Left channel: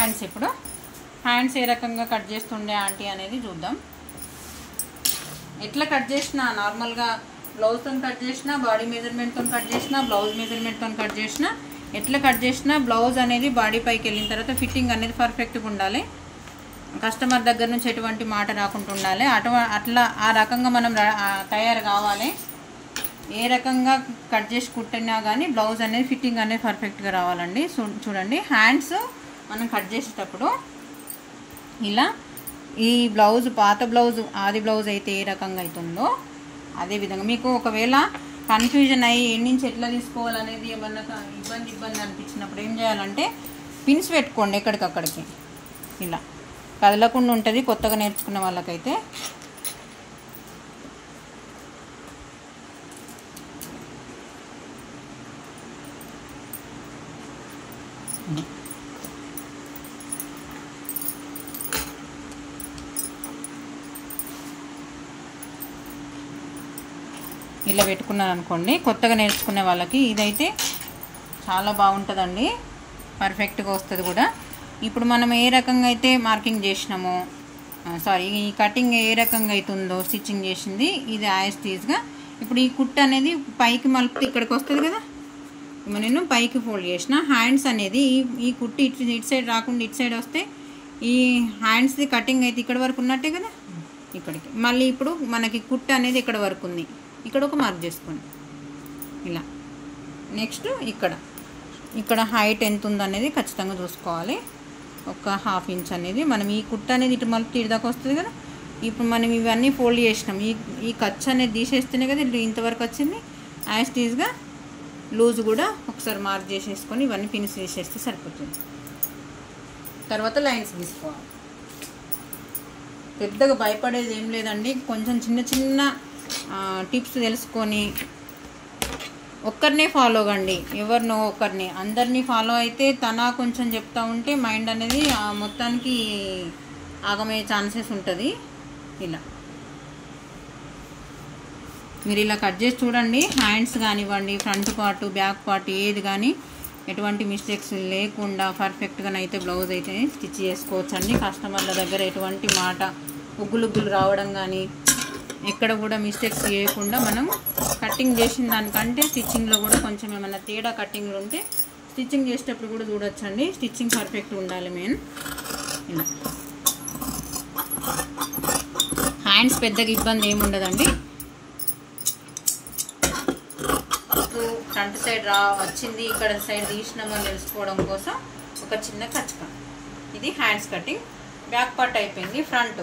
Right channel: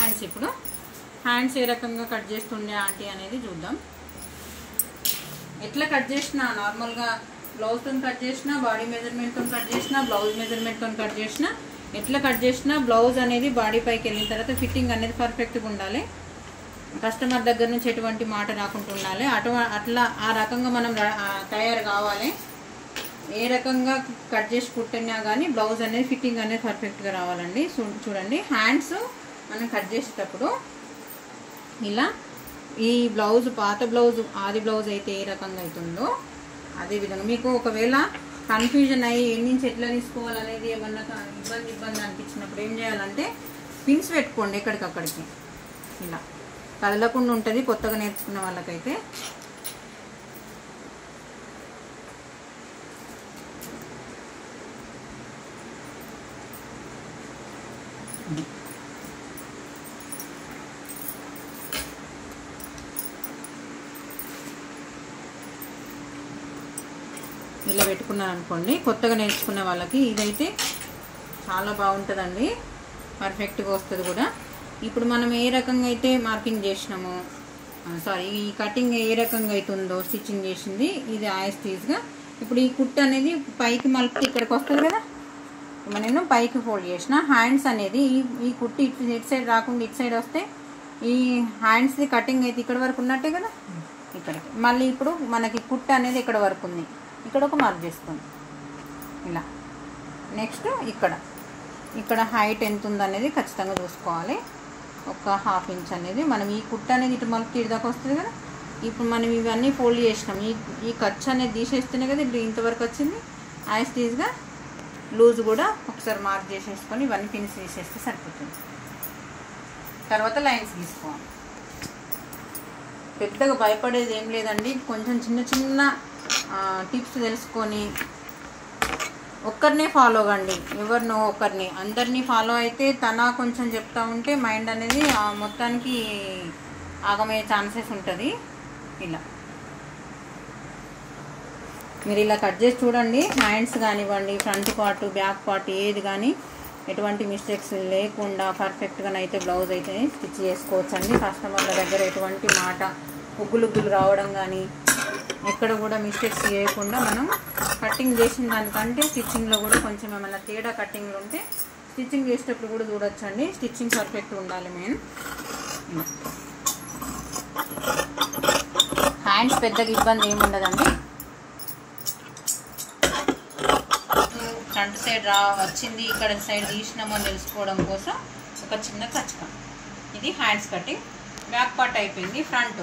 Hands ఇప్పుడు hands ఏ రకంగా cut చేస్తుండే ఆంటీ అనేది చూద్దాం. ఎట్లా కట్ చేసినా నార్మల్గా బ్లౌజ్తో కట్ చేసినా, బాడీ మెజర్మెంట్తో కట్ చేసినా, బ్లౌజ్ మెజర్మెంట్తో కట్ చేసినా, ఎట్లా కట్ చేసినా బ్లౌజ్ అనేది బాడీ పైకి వెళ్ళిన తర్వాత ఫిట్టింగ్ అనేది పర్ఫెక్ట్గా ఉండాలి. కస్టమర్ దగ్గర నుంచి ఎటువంటి మాట రాకుండా ఉండాలి. అట్లా ఆ రకంగా మనం తయారు కావాలి. ఏ రకంగా కట్ చేసి కుట్టినా కానీ బ్లౌజ్ అనేది ఫిట్టింగ్ అనేది పర్ఫెక్ట్గా రావాలండి. చూడండి హ్యాండ్స్ మనం కట్ చేసేటప్పుడు ఇలా ఈ బ్లౌజ్ పాత బ్లౌజ్ ఆది బ్లౌజ్ అయితే ఏ రకంగా అవుతుందో అదేవిధంగా మీకు ఒకవేళ కన్ఫ్యూజన్ అయ్యి ఎన్ని నుంచి ఎట్లా తీసుకోవాలనేది ఏమన్నా ఇబ్బంది అనిపించినప్పుడు ఏం చేయాలంటే పిన్స్ పెట్టుకోండి ఎక్కడికక్కడికి. ఇలా కదలకుండా ఉంటుంది కొత్తగా నేర్చుకునే వాళ్ళకైతే. ఇలా పెట్టుకున్నాను అనుకోండి, కొత్తగా నేర్చుకునే వాళ్ళకి ఇదైతే చాలా బాగుంటుందండి, పర్ఫెక్ట్గా వస్తుంది కూడా. ఇప్పుడు మనం ఏ రకంగా అయితే మార్కింగ్ చేసినామో ఈ కటింగ్ ఏ రకంగా అవుతుందో స్టిచ్చింగ్ చేసింది ఇది యాస్టీజ్గా. ఇప్పుడు ఈ కుట్టు అనేది పైకి మలిపితే ఇక్కడికి వస్తుంది కదా, నేను పైకి ఫోల్డ్ చేసిన. హ్యాండ్స్ అనేది ఈ కుట్టు ఇటు సైడ్ రాకుండా ఇటు సైడ్ వస్తే ఈ హ్యాండ్స్ది కటింగ్ అయితే ఇక్కడ వరకు ఉన్నట్టే కదా, ఇక్కడికి. మళ్ళీ ఇప్పుడు మనకి కుట్టు అనేది ఇక్కడ వరకు ఉంది, ఇక్కడ ఒక మార్క్ చేసుకోండి ఇలా. నెక్స్ట్ ఇక్కడ హైట్ ఎంత ఉందనేది ఖచ్చితంగా చూసుకోవాలి. ఒక 1/2 ఇంచ్ అనేది మనం ఈ కుట్టు అనేది ఇటు మళ్ళీ తీరుదాకా వస్తుంది కదా. ఇప్పుడు మనం ఇవన్నీ ఫోల్డ్ చేసినాం, ఈ ఖర్చు అనేది తీసేస్తేనే కదా ఇంతవరకు వచ్చింది. యాస్టీజ్గా లూజ్ కూడా ఒకసారి మార్క్ చేసేసుకొని ఇవన్నీ ఫినిష్ చేసేస్తే సరిపోతుంది. తర్వాత లైన్స్ గీసుకోవాలి. పెద్దగా భయపడేది ఏం లేదండి, కొంచెం చిన్న టిప్స్ తెలుసుకొని ఒక్కరినే ఫాలో కండి. ఎవరినో ఒకరిని అందరినీ ఫాలో అయితే తన కొంచెం చెప్తా ఉంటే మైండ్ అనేది మొత్తానికి ఆగమయ్యే ఛాన్సెస్ ఉంటుంది. ఇలా మీరు ఇలా కట్ చేసి చూడండి. హ్యాండ్స్ కానివ్వండి, ఫ్రంట్ పార్ట్ బ్యాక్ పార్ట్ ఏది కానీ ఎటువంటి మిస్టేక్స్ లేకుండా పర్ఫెక్ట్గానైతే బ్లౌజ్ అయితే స్టిచ్ చేసుకోవచ్చండి. కస్టమర్ల దగ్గర ఎటువంటి మాట ఉగ్గులు రావడం కానీ ఎక్కడ కూడా మిస్టేక్స్ చేయకుండా మనం కటింగ్ చేసిన దానికంటే స్టిచ్చింగ్లో కూడా కొంచెం ఏమైనా తేడా కటింగ్లు ఉంటే స్టిచ్చింగ్ చేసేటప్పుడు కూడా చూడొచ్చండి. స్టిచ్చింగ్ పర్ఫెక్ట్గా ఉండాలి మెయిన్. ఇలా హ్యాండ్స్ పెద్దగా ఇబ్బంది ఏమి ఉండదండి. ఫ్రంట్ సైడ్ వచ్చింది ఇక్కడ సైడ్ తీసినామో తెలుసుకోవడం కోసం ఒక చిన్న కచ్చక. ఇది హ్యాండ్స్ కటింగ్. బ్యాక్ పార్ట్ అయిపోయింది. ఫ్రంట్